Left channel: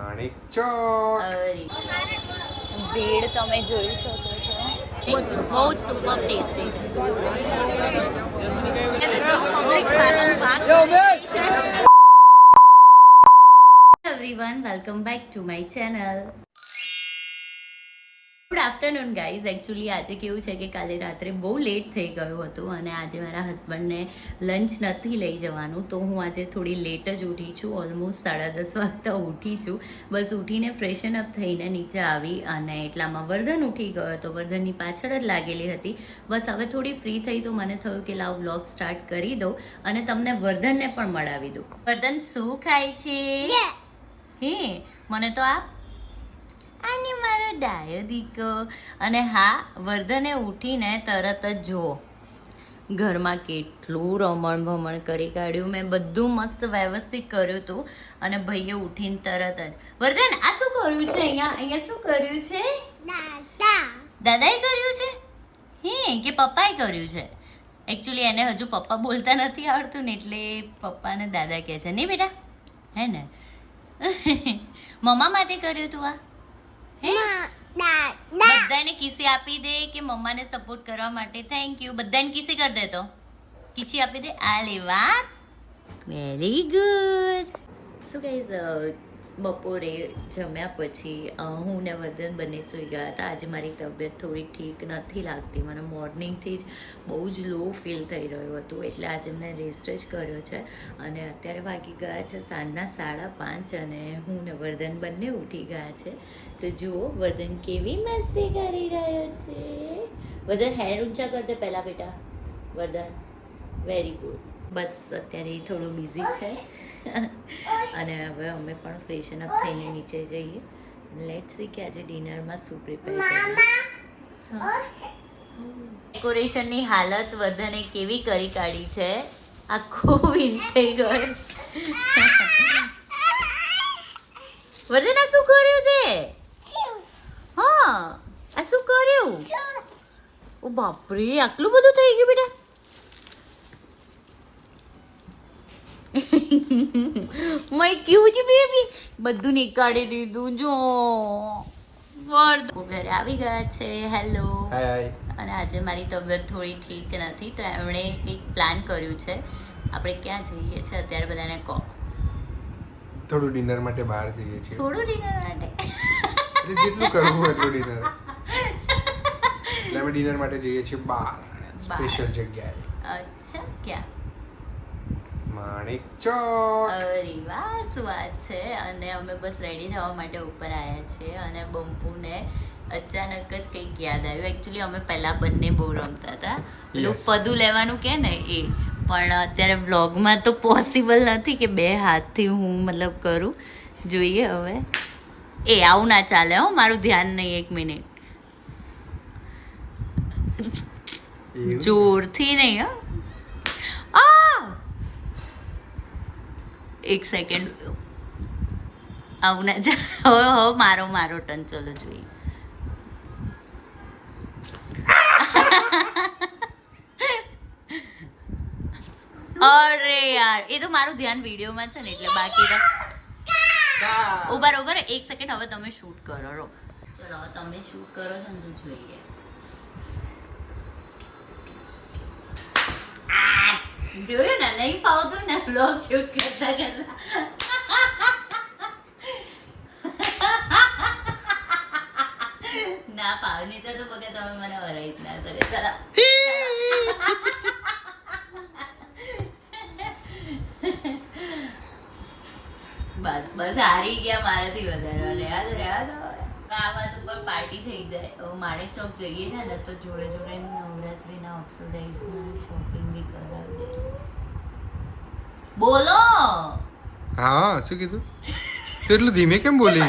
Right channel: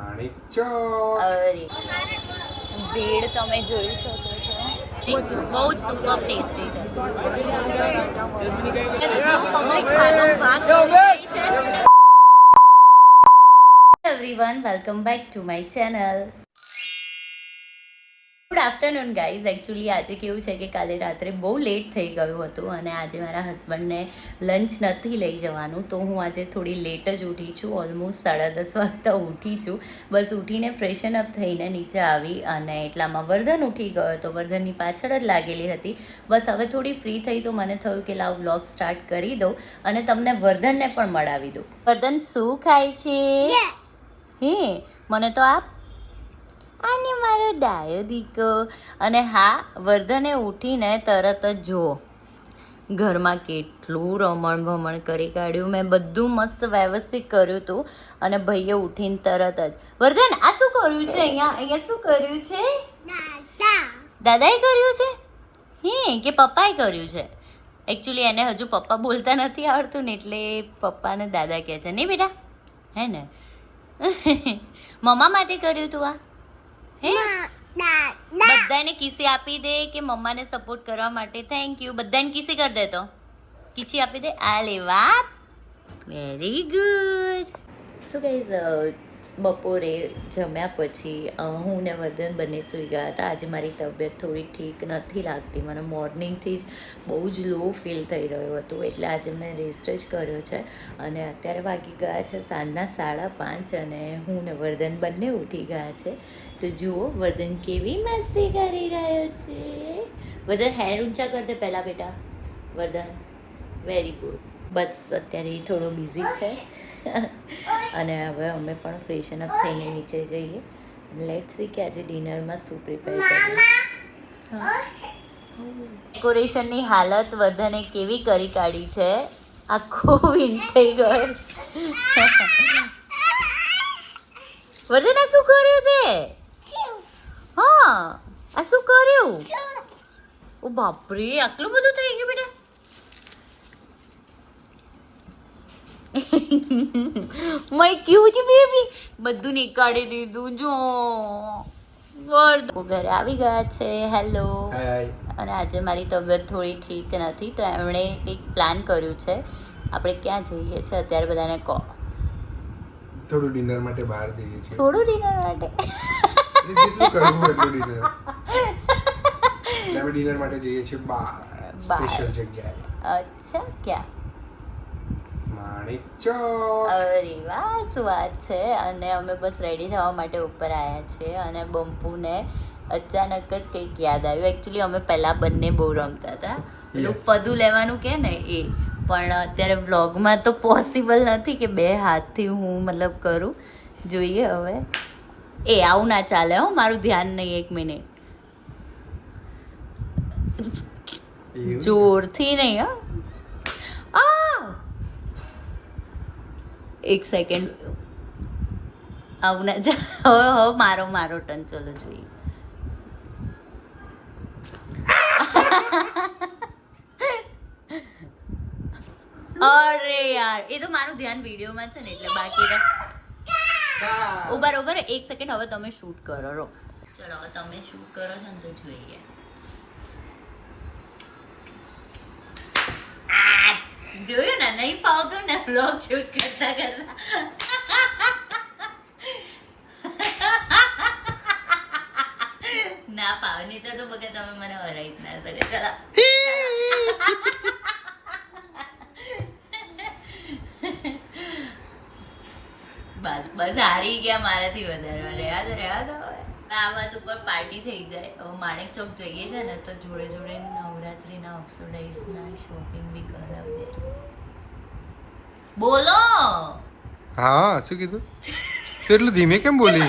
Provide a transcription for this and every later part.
માણેક ચોક. અરે ભીડ તમે જોઈ શકો છો, બહુ જ સુપર ટેસ્ટી છે. પબ્લિક ભાગમ ભાગ કરી રહી છે. Everyone, welcome back to my channel. Good afternoon guys. Actually આજે કેવું છે કે કાલે રાત્રે બહુ લેટ થઈ ગયું હતું અને આજે મારા હસબન્ડને લંચ નથી લઈ જવાનું, તો હું આજે થોડી લેટ જ ઉઠી છું. ઓલમોસ્ટ 10:30 વાગતા ઉઠી છું. બસ ઉઠીને ફ્રેશન અપ થઈને નીચે આવી અને એટલામાં વર્ધન ઉઠી ગયો તો વર્ધનની પાછળ જ લાગેલી હતી. બસ હવે થોડી ફ્રી થઈ તો મને થયું કે લાવ વ્લોગ સ્ટાર્ટ કરી દઉં અને તમને વર્ધનને પણ મળાવી દઉં. વર્ધન શું ખાય છે? હે મને તો આપ. આને મારો ડાયો દીકો. અને હા, વર્ધને ઉઠીને તરત જ જુઓ ઘરમાં કેટલું રમણ ભમણ કરી કાઢ્યું. મેં બધું મસ્ત વ્યવસ્થિત કર્યું હતું અને ભાઈએ ઉઠીને તરત જ વર્ધન આ શું કર્યું છે? અહીંયા શું કર્યું છે? દાદાએ કર્યું છે હે કે પપ્પાએ કર્યું છે? એકચ્યુઅલી એને હજુ પપ્પા બોલતા નથી આવડતું ને એટલે પપ્પાને દાદા કહે છે. નહીં બેટા, હે ને? મમ્મા માટે કર્યું તું આ? બધાને કિસી આપી દે કે મમ્માને સપોર્ટ કરવા માટે થેન્ક યુ. બધાને કિસી કરી દે તો કિસી આપી દે. આ લે વાત, વેરી ગુડ. શું ગાઈઝ, બપોરે જમ્યા પછી હું ને વર્ધન બંને સૂઈ ગયા હતા. આજે મારી તબિયત થોડી ઠીક નથી લાગતી. મને મોર્નિંગથી જ બહુ જ લો ફીલ થઈ રહ્યું હતું એટલે આજે મેં રેસ્ટ જ કર્યો છે. અને અત્યારે વાગી ગયા છે સાંજના 5:30 અને હું ને વર્ધન બંને ઉઠી ગયા છે. તો જુઓ વર્ધન કેવી મસ્તી કરી રહ્યો છે. વર્ધન હેન્ડ ઊંચા કર દે પહેલા બેટા. વર્ધન વેરી ગુડ. બસ અત્યારે થોડો બિઝી છે અને હવે અમે પણ ફ્રેશન અપ થઈને નીચે જઈએ. લેટ્સ સી કે આજે ડિનરમાં શું પ્રિપેર કરીએ. ડેકોરેશનની હાલત વર્ધને કેવી કરી કાઢી છે. આખો વિન થઈ ગયો. વર્ધન આ શું કર્યું તે? હા, આ શું કર્યું? ઓ બાપરે, આટલું બધું થઈ ગયું બેટા. મેં કેવું છે બેબી, બધું નીકાળી દીધું. જો ઘરે આવી ગયા છે. હેલો. અને આજે મારી તબિયત થોડી ઠીક નથી તો એમણે એક પ્લાન કર્યું છે. આપણે ક્યાં જઈએ છીએ અત્યારે બધાને કહો. થોડું ડિનર માટે બહાર જઈએ છીએ. થોડું ડિનર માટે જેટલું કરવું એટલું ડિનર. અમે ડિનર માટે જઈએ છીએ બહાર, સ્પેશિયલ જગ્યાએ. અચ્છા, ક્યાં? માણેક ચોક. અરે વાહ, શું વાત છે. અને અમે બસ રેડી થવા માટે ઉપર આવ્યા છીએ અને બંપુને અચાનક જ કંઈક યાદ આવ્યું. એકચ્યુઅલી અમે પહેલા બંને બહુ રમતા હતા, પેલું પદું લેવાનું કે ને એ, પણ અત્યારે વ્લોગમાં તો પોસિબલ નથી કે બે હાથથી હું મતલબ કરું. જોઈએ હવે. એ આવું ના ચાલે હો, મારું ધ્યાન નહીં. 1 મિનિટ, જોરથી નહીં. હા, 1 સેકન્ડ. આવું ના ચાલે. હવે મારો ટર્ન. ચલો જોઈએ. અરે યાર, એ તો મારું ધ્યાન વિડીયોમાં છે ને એટલે બાકી ઉભા 1 સેકન્ડ. હવે તમે શૂટ કરો. રો ચલો, હવે તમે શૂટ કરો છો ને તો જોઈએ. જોયું ને, નહીં ફાવતું ને બ્લોગ શૂટ કરતા કરતા. ના ફાવે નહીં તો બકે તમે મને હરાઈ જ ના શકે. ચલો બસ હારી ગયા મારાથી વધારે. રહેવા દો. આ વાત ઉપર પાર્ટી થઈ જાય. હવે માણેક ચોક જઈએ છે ને તો જોડે જોડે નવરાત્રીના ઓક્સોડાઇઝના શોપિંગ બી કરાવી દે. બોલો. હા, શું કીધું? તો એટલું ધીમે કેમ બોલી?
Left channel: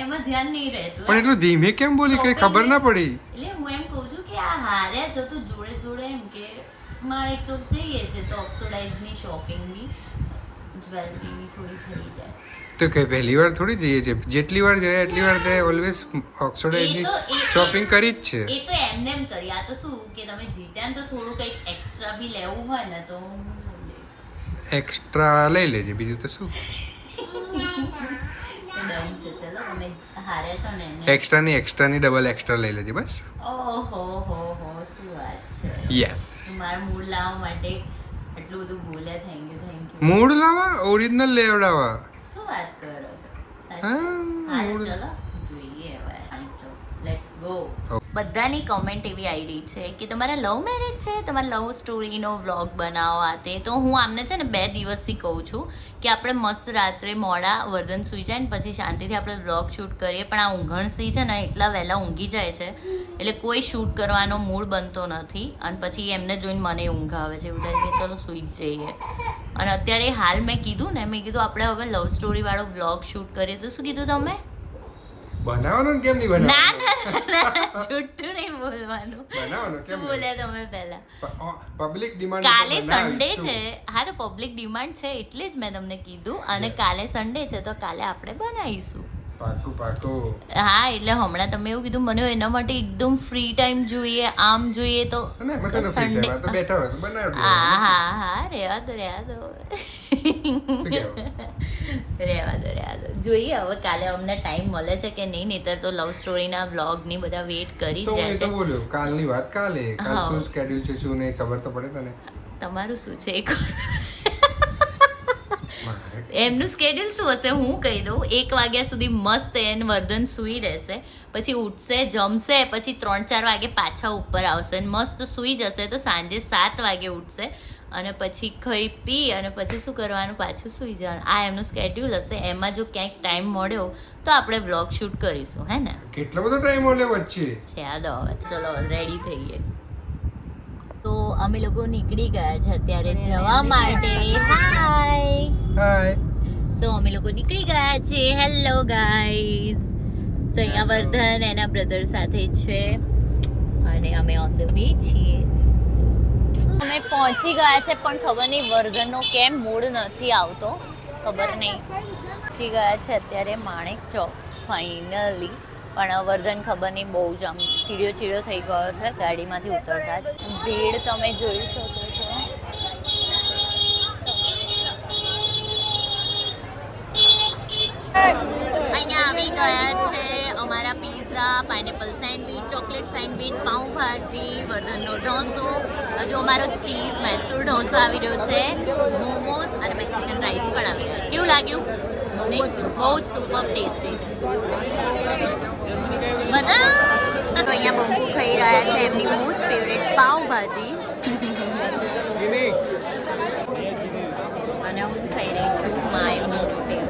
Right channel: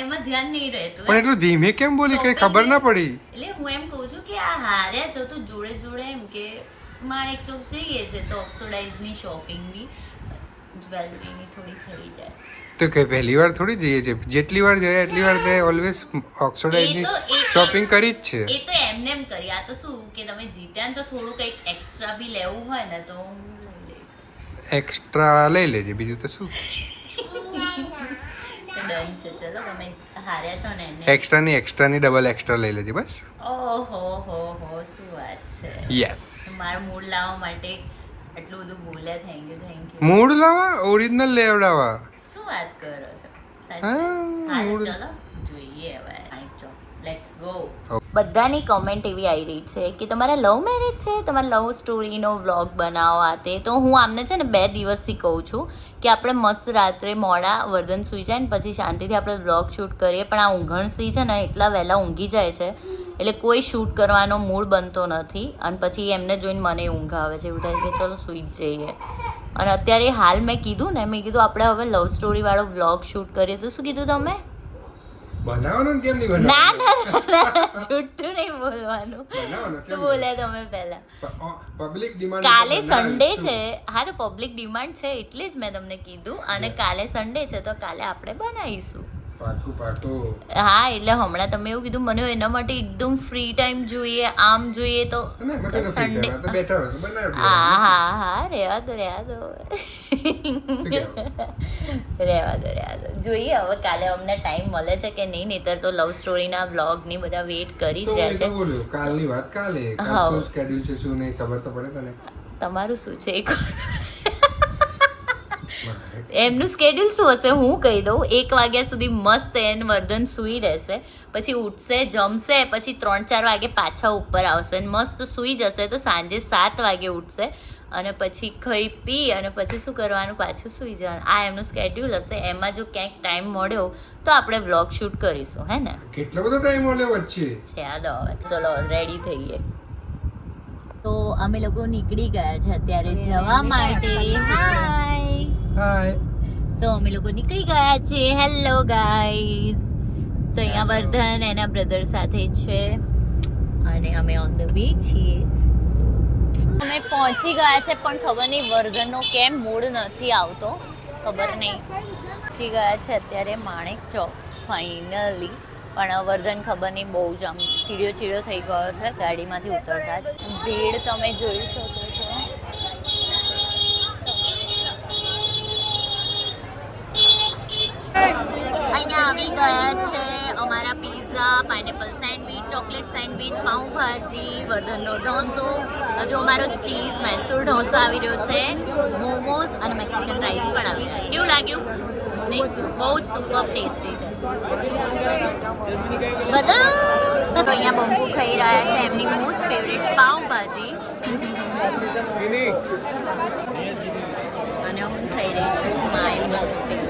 એમાં ધ્યાન નહીં રહેતું. પણ એટલું ધીમે કેમ બોલી? કઈ ખબર ના પડી. એટલે હું એમ કહું છું કે આ હાર્યા છો તો જોડે જોડે એમ કે માણેક ચોક જઈએ છે તો ઓક્સોડાઇઝની શોપિંગ બી, જ્વેલરીની થોડી થઈ જાય. તો કઈ પહેલી વાર થોડી જઈએ છે. જેટલી વાર જાય એટલી વાર તે ઓલવેઝ ઓક્સોડાઇઝની શોપિંગ કરી જ છે. એ તો એમને એમ કરી. આ તો શું કે તમે જીત્યા ને તો થોડું કંઈક એક્સ્ટ્રા બી લેવું હોય ને તો એક્સ્ટ્રા લઈ લેજે, બીજું તો શું. ડન છે. ચલો તમે હાર્યા છો ને એને. એક્સ્ટ્રાની ડબલ એક્સ્ટ્રા લઈ લેજે બસ. ઓહો હો શું વાત છે. યસ. મારા મૂડ લાવવા માટે આટલું બધું બોલ્યા. Thank you. મૂડ લાવા ઓરિજિનલ લેવડાવા. શું વાત કરો છો? હા, મૂડ. ચલો જોઈએ હવે. Let's go. બધાની કમેન્ટ એવી આવી રહી છે કે તમારા લવ મેરેજ છે, તમારા લવ સ્ટોરીનો વ્લોગ બનાવો આ તે. તો હું આમને છે ને 2 દિવસથી કહું છું કે આપણે મસ્ત રાત્રે મોડા વર્ધન સૂઈ જાય ને પછી શાંતિથી આપણે વ્લોગ શૂટ કરીએ. પણ આ ઊંઘણ સૂઈ છે ને એટલા વહેલા ઊંઘી જાય છે એટલે કોઈ શૂટ કરવાનો મૂડ બનતો નથી. અને પછી એમને જોઈને મને ઊંઘ આવે છે. એવું થાય કે ચલો સૂઈ જ જઈએ. અને અત્યારે હાલ મેં કીધું આપણે હવે લવ સ્ટોરી વાળો વ્લોગ શૂટ કરીએ. તો શું કીધું તમે? બનાવવાનું કેમ નહીં બનાવવાનું? ના જુઠ્ઠું નહીં બોલવાનું. શું બોલ્યા તમે પહેલા? Public demand. કાલે સન્ડે છે. હા તો પબ્લિક ડિમાન્ડ છે એટલે જ મેં તમને કીધું. અને કાલે સન્ડે છે તો કાલે આપણે બનાવીશું. પાકું. હા એટલે હમણાં તમે એવું કીધું મને એના માટે એકદમ ફ્રી ટાઈમ જોઈએ, આમ જોઈએ તો સન્ડે. હા રેવા દો જોઈએ હવે કાલે અમને ટાઈમ મળે છે કે નહીં. નહીતર તો લવ સ્ટોરીના વ્લોગ ની બધા વેઇટ કરી રહ્યા છે. કાલની વાત કાલે. શું સ્કેડ્યુલ છે શું નહીં ખબર તો પડે તને. તમારું શું છે એમનું સ્કેડ્યુલ શું હશે હું કહી દઉં. 1 વાગ્યા સુધી મસ્ત વર્ધન સૂઈ રહેશે, પછી ઉઠશે, જમશે, પછી 3-4 વાગે પાછા ઉપર આવશે મસ્ત સૂઈ જશે. તો સાંજે 7 વાગે ઉઠશે અને પછી ખાઈ પી અને પછી શું કરવાનું, પાછું સૂઈ જવાનું. આ એમનું સ્કેડ્યુલ હશે. એમાં જો ક્યાંક ટાઈમ મળ્યો તો આપણે વ્લોગ શૂટ કરીશું. હે ને? કેટલો બધો ટાઈમ મળ્યો વચ્ચે. યાદ આવે. ચલો રેડી થઈએ. તો અમે લોકો નીકળી ગયા છે અત્યારે જવા માટે. હાય. સો અમે લોકો નીકળી ગયા છીએ. Hello guys. તો અહીંયા વર્ધન એના બ્રધર સાથે છે અને અમે ઓન ધ વે છીએ. અમે પહોંચી ગયા છે પણ ખબર નહીં વર્ધનનો કેમ મૂડ નથી આવતો, ખબર નહીં. પહોંચી ગયા છે અત્યારે માણેક ચોક ફાઇનલી. પણ વર્ધન ખબર નહીં બહુ જ આમ ચીડ્યો થઈ ગયો છે ગાડીમાંથી ઉતરતા જ. ભીડ તમે જોઈ શકો છો. અહીંયા આવી ગયા છે અમારા pizza, pineapple sandwich, chocolate sandwich, pav bhaji, વર્ધનનો ઢોસો, હજુ અમારો ચીઝ મૈસૂર ઢોસો આવી રહ્યો છે, મોમોઝ અને મેક્સિકન રાઈસ પણ આવી રહ્યા છે. કેવું લાગ્યું? બહુ જ સુપર ટેસ્ટી છે બધા. તો અહીંયા બંકુ ખાઈ રહ્યા છે એમની મોસ્ટ ફેવરેટ પાઉંભાજી અને હું ખાઈ રહી છું માય મોસ્ટ ફેવરેટ.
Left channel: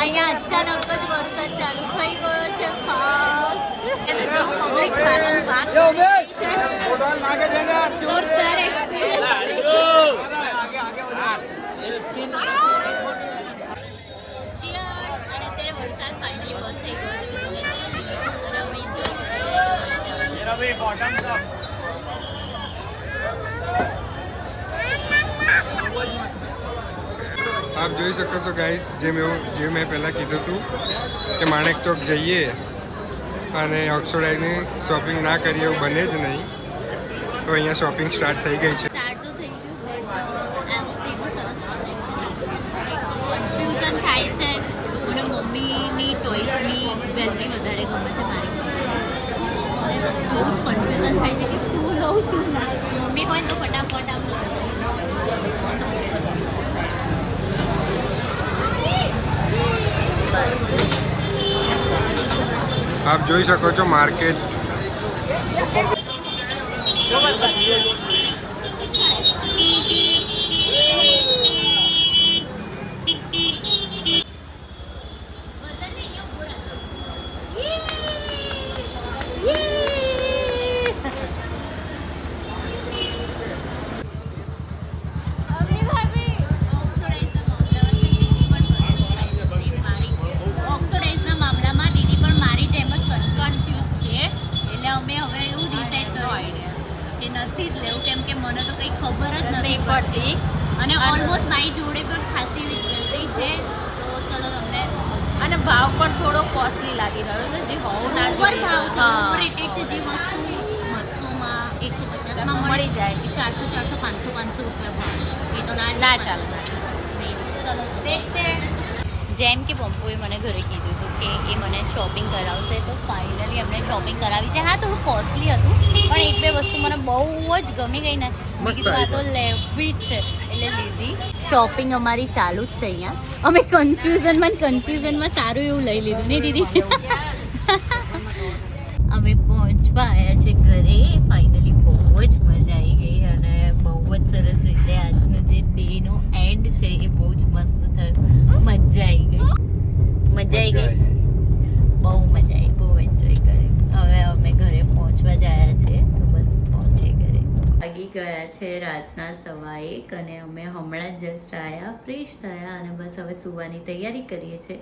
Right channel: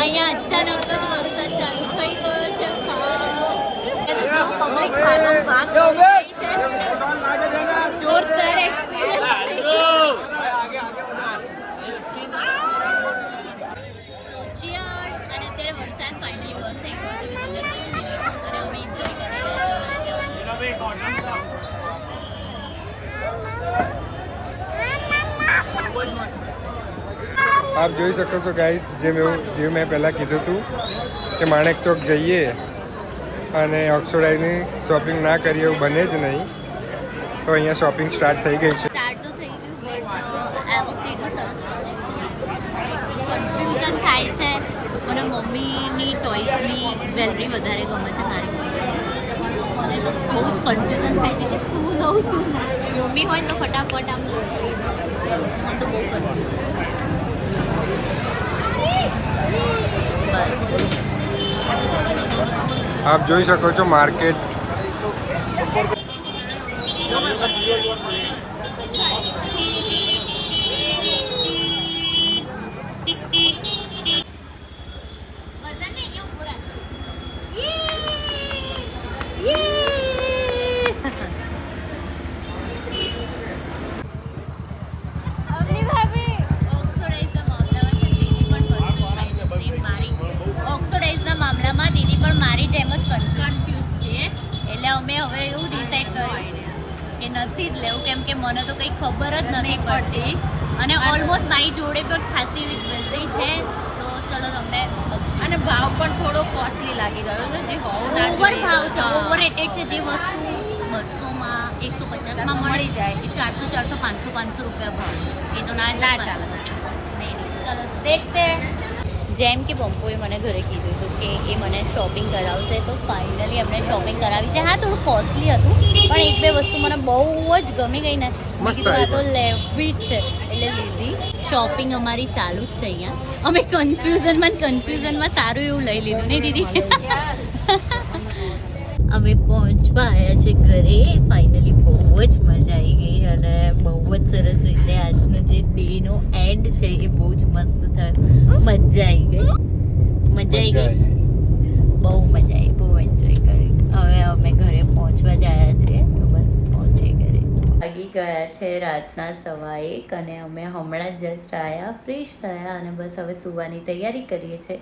અહીંયા અચાનક જ વરસાદ ચાલુ થઈ ગયો છે. પબ્લિક ભાગમ ભાગ કરી રહી છે. જોરદાર એક્સપિરિયન્સ થઈ ગયો. So cheers. અને અત્યારે વરસાદ ફાઇનલી બંધ થઈ ગયો. આપ જોઈ શકો છો ગાઈસ, જે મેં પહેલાં કીધું હતું કે માણેક ચોક જઈએ અને ઓક્સોડાઇઝની શોપિંગ ના કરીએ એવું બને જ નહીં. તો અહીંયા શોપિંગ સ્ટાર્ટ થઈ ગઈ છે. સ્ટાર્ટ તો થઈ ગયું બટ એવોસ્ટીનું સરસ કલેક્શન કન્ફ્યુઝન થાય છે. મને મમ્મીની ચોઈસની જ્વેલરી વધારે ગમે છે મારી. મને તો બહુ જ કન્ફ્યુઝન થાય છે કે શું લઉં શું ના. મમ્મી હોય તો ફટાફટ આમ લઈ મને તો બહુ કન્ફ્યુઝન થાય. આપ જોઈ શકો છો માર્કેટ. અમે હવે એવું ડિસાઈડ કર્યું કે કે નથી જ લેવું, કેમ કે મને તો કંઈ ખબર જ નથી પડતી અને ઓલમોસ્ટ મારી જોડે પણ ખાસી એવી જ્વેલરી છે. તો ચલો તમને અને ભાવ પણ થોડો કોસ્ટલી લાગી રહ્યો છે, જે હોવો ના ઓવર જોઈએ. ભાવ છે, હા. ઓવર રેટેડ છે. જે વસ્તુ 200માં 150માં મળી મળી જાય. જાય, એ 400 500 રૂપિયા ભાવ, એ તો ના જ ના ચાલે. ચાલે. દેખતે જેમ કે પંપોએ મને ઘરે કીધું હતું કે એ મને શોપિંગ કરાવશે, તો ફાઇનલી અમને શોપિંગ કરાવી છે. હા, થોડું કોસ્ટલી હતું, પણ એક બે વસ્તુ મને બહુ જ ગમી ગઈ ને, મસ્ત આ તો આવી. લેવી જ છે એટલે લીધી. શોપિંગ અમારી ચાલુ જ છે અહીંયા. અમે કન્ફ્યુઝનમાં સારું એવું લઈ લીધું ને દીદી. અમે પહોંચવા આવ્યા છે ઘરે ફાઇનલી. બહુ જ મજા આવી ગઈ અને બહુ જ સરસ રીતે આજનો જે ડેનો એન્ડ છે એ બહુ જ મસ્ત થયો. મજા આવી ગઈ, બહુ મજા આવી, બહુ એન્જોય કર્યું. હવે અમે ઘરે પહોંચવા જ આવ્યા છે, તો બસ પહોંચી ઘરે. વાગી ગયા છે રાતના 1:15 અને અમે હમણાં જ જસ્ટ આવ્યા, ફ્રેશ થયા અને બસ હવે સુવાની તૈયારી કરીએ છીએ.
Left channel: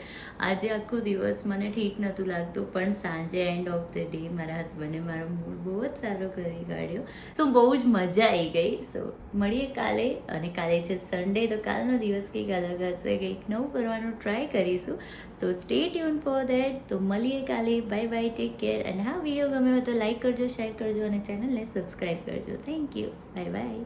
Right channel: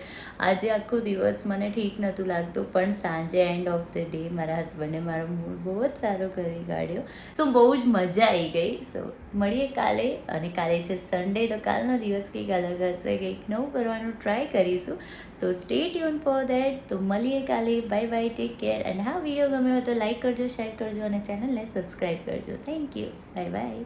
આજે આખો દિવસ મને ઠીક નહોતું લાગતું, પણ સાંજે એન્ડ ઓફ ધ ડે મારા હસબન્ડે મારો મૂડ બહુ જ સારો કરી કાઢ્યો. સો બહુ જ મજા આવી ગઈ. સો મળીએ કાલે, અને કાલે છે સન્ડે, તો કાલનો દિવસ કંઈક અલગ હશે, કંઈક નવું કરવાનું ટ્રાય કરીશું. સો સ્ટે ટ્યુન ફોર ધેટ. તો મળીએ કાલે. Bye bye, take care. અને હા, વિડીયો ગમ્યો હોય તો લાઈક કરજો, શેર કરજો અને ચેનલને સબસ્ક્રાઈબ કરજો. Thank you. Bye bye.